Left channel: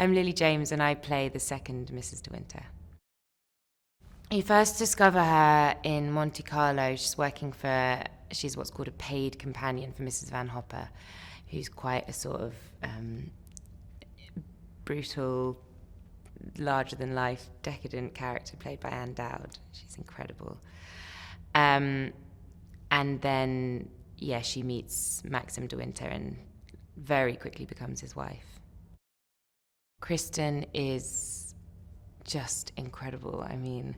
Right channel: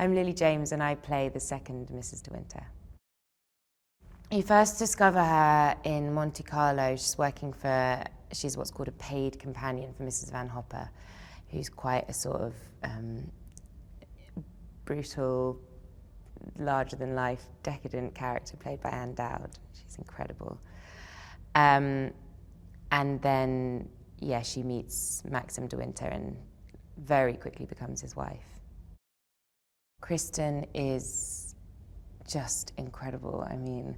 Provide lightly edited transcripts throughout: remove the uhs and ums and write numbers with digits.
I'm Lily James and I play the second Mrs. De Winter. You first discover her in Monte Carlo. She's what's called a paid companion for Mrs. Van Hopper, who's quite a sort of brutal, larger-than-life, decadent character played by Anne Dowd. She's incredible. And then, she meets Maxim De Winter and very quickly becomes his wife. Kristen is just incredible. I mean,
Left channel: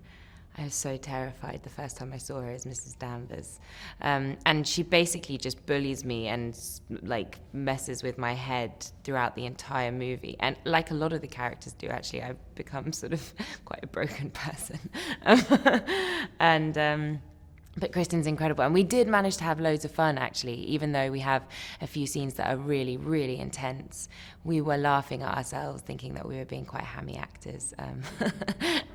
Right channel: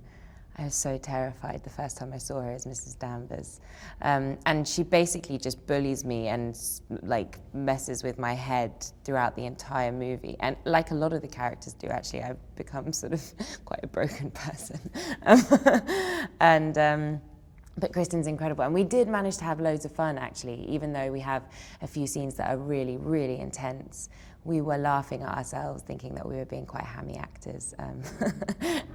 I was so terrified the first time I saw her as Mrs. Danvers. And she basically just bullies me and like messes with my head throughout the entire movie. And like a lot of the characters do, actually, I've become sort of quite a broken person. But Kristen's incredible. And we did manage to have loads of fun, actually, even though we have a few scenes that are really, really intense. We were laughing at ourselves, thinking that we were being quite hammy actors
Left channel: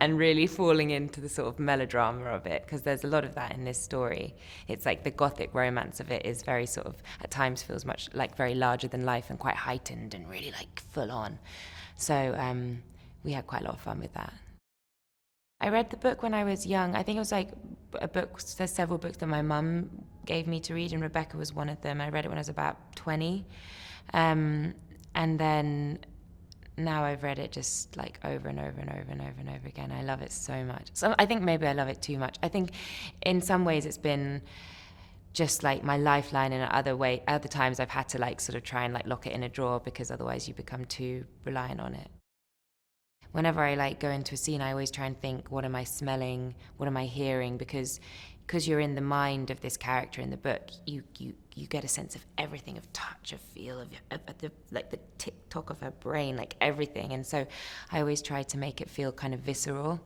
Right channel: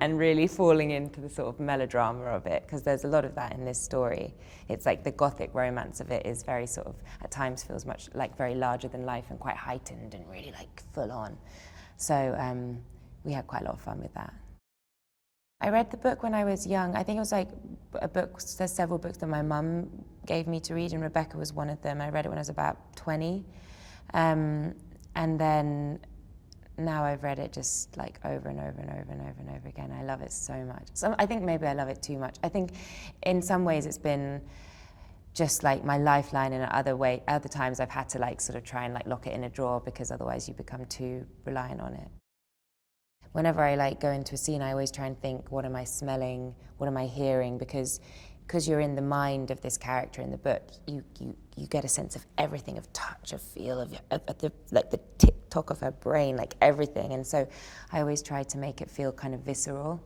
and really falling into the sort of melodrama of it, because there's a lot of that in this story. It's like the gothic romance of it is very sort of, at times feels much like very larger than life and quite heightened and really like full on. So we had quite a lot of fun with that. I read the book when I was young. I think it was like a book, there's several books that my mum gave me to read, and Rebecca was one of them. I read it when I was about 20. And then now I've read it just like over and over and over and over and over again. I love it so much. So I think maybe I love it too much. I think in some ways it's been just like my lifeline, and other times I've had to like sort of try and like lock it in a drawer, because otherwise you become too reliant on it. Whenever I like go into a scene, I always try and think, what am I smelling? What am I hearing? Because you're in the mind of this character in the book, you get a sense of everything, of touch, of feel, of the tick-tock of her brain, like everything. And so I always try to make it feel kind of visceral.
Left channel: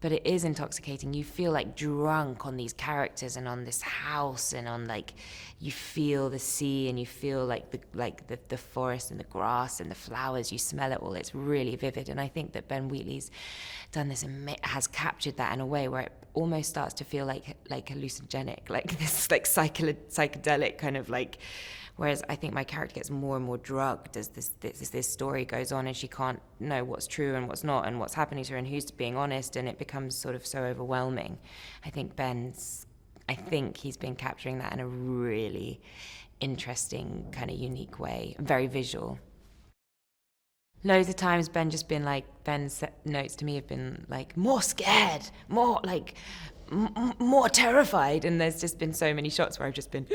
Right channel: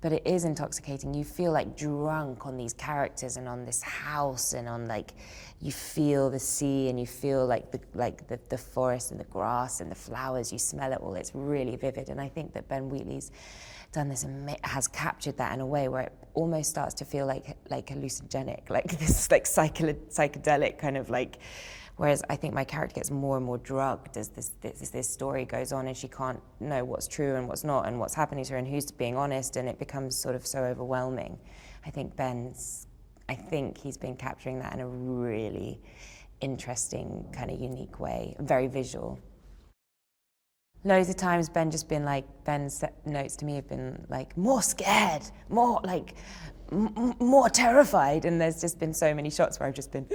But it is intoxicating. You feel like drunk on these characters and on this house, and on like, you feel the sea and you feel like the forest and the grass and the flowers. You smell it all. It's really vivid. And I think that Ben Wheatley's done this and has captured that in a way where it almost starts to feel like hallucinogenic, like this like psychedelic kind of like. Whereas I think my character gets more and more drugged as this story goes on, and she can't know what's true and what's not, and what's happening to her and who's being honest, and it becomes sort of so overwhelming. I think he's been capturing that in a really interesting, kind of unique way, very visual. Loads of times Ben's notes to me have been like, more scared, more like, more terrified, and there's just been so many shots where I've just been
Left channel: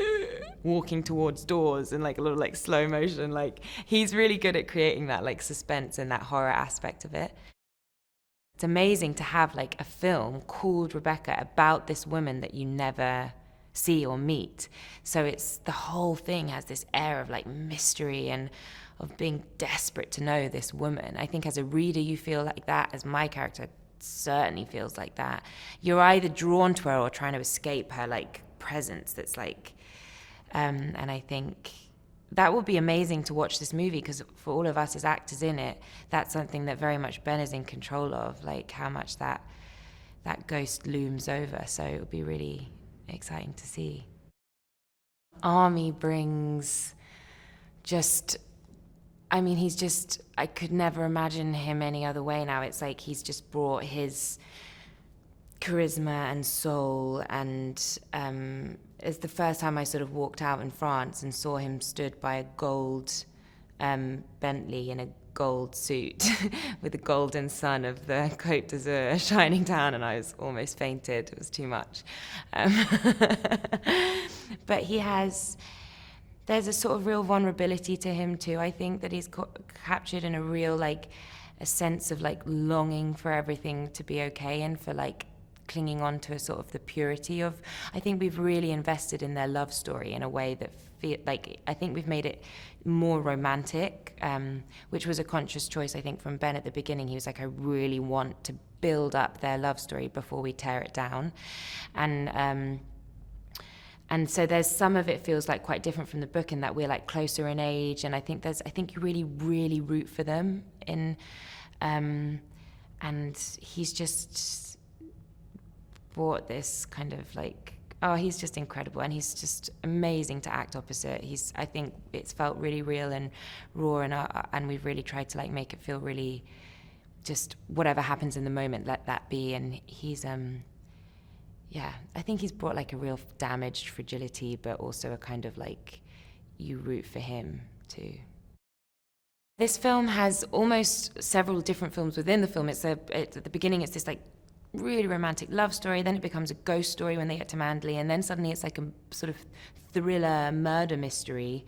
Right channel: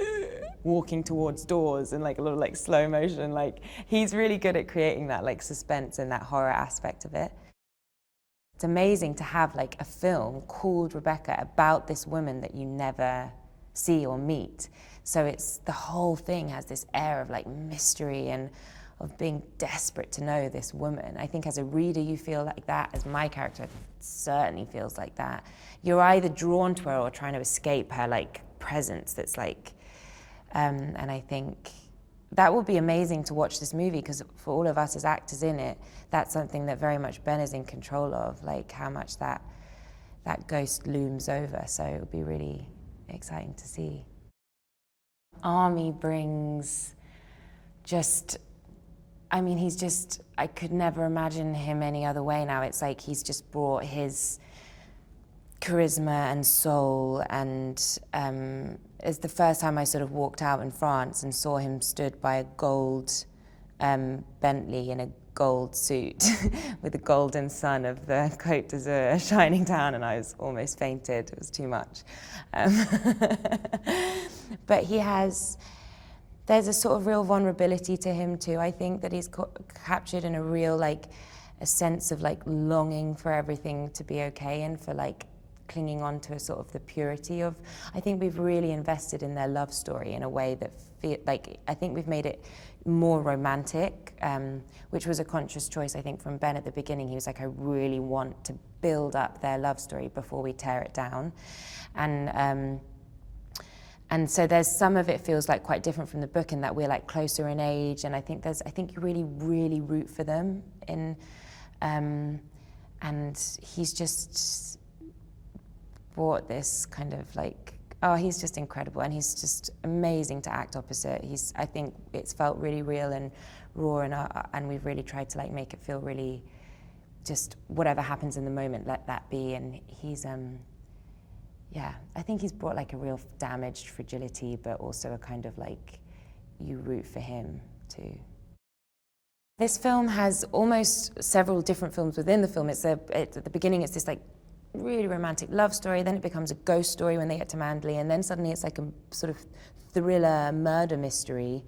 walking towards doors and like a little like slow motion. Like, he's really good at creating that like suspense and that horror aspect of it. It's amazing to have like a film called Rebecca about this woman that you never see or meet. So it's, the whole thing has this air of like mystery and of being desperate to know this woman. I think as a reader you feel like that, as my character certainly feels like that. You're either drawn to her or trying to escape her like presence that's like, and I think that would be amazing to watch this movie, because for all of us as actors in it, that's something that very much Ben is in control of, like how much that ghost looms over. So it would be really exciting to see. Army brings just, I mean, he's just, I could never imagine him any other way now. It's like he's just brought his charisma and soul, and it's the first time I sort of walked out in France and saw him stood by a gold Bentley in a gold suit with the golden sun of the Côte d'Azur shining down, and I was almost fainted. It was too much. But there's a sort of real vulnerability to him too. I think that he's captured in a real like a sense of like longing for everything to be okay, and for like clinging on to a sort of the purity of, I think we've really invested in their love story in a way that I think we've made it more romantic, which was a conscious choice, I think, from Ben at the beginning. He was like, I really want to build up their love story before we tear it down. And so there's some of it feels like quite different from the book in that we're like closer in age, and I think you really, really root for them and he's just brought this kind of like Oh, he's just incredible, and he's just amazing to act opposite. I think it's felt really real and raw, and we've really tried to like make it feel really, just whatever happens in the moment, let that be. And he's, yeah, I think he's brought like a real damaged fragility, but also a kind of like, you root for him too. This film has almost several different films within the film. At the beginning, it's this like really romantic love story, then it becomes a ghost story when they get to Manderley, and then suddenly it's like a sort of thriller murder mystery,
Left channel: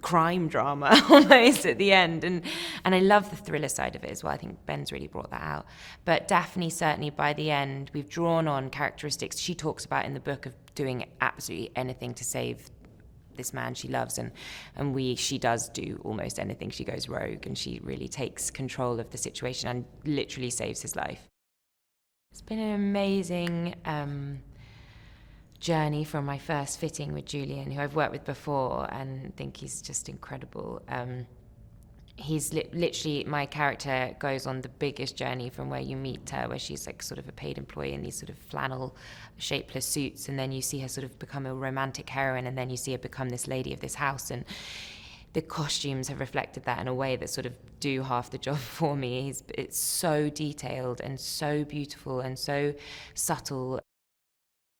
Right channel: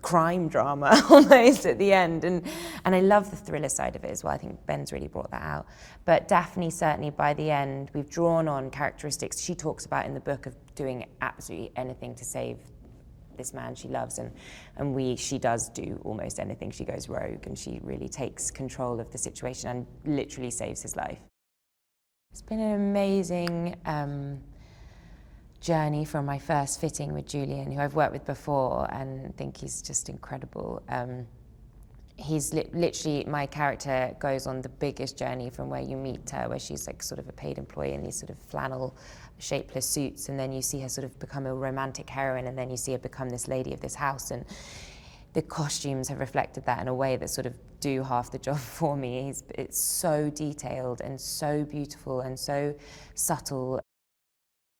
crime drama almost at the end, and I love the thriller side of it as well. I think Ben's really brought that out. But Daphne, certainly by the end, we've drawn on characteristics she talks about in the book of doing absolutely anything to save this man she loves, and she does do almost anything. She goes rogue, and she really takes control of the situation and literally saves his life. It's been an amazing journey from my first fitting with Julian, who I've worked with before, and think he's just incredible. He's literally, my character goes on the biggest journey from where you meet her, where she's like sort of a paid employee in these sort of flannel shapeless suits, and then you see her sort of become a romantic heroine, and then you see her become this lady of this house, and the costumes have reflected that in a way that sort of do half the job for me. It's so detailed and so beautiful and so subtle.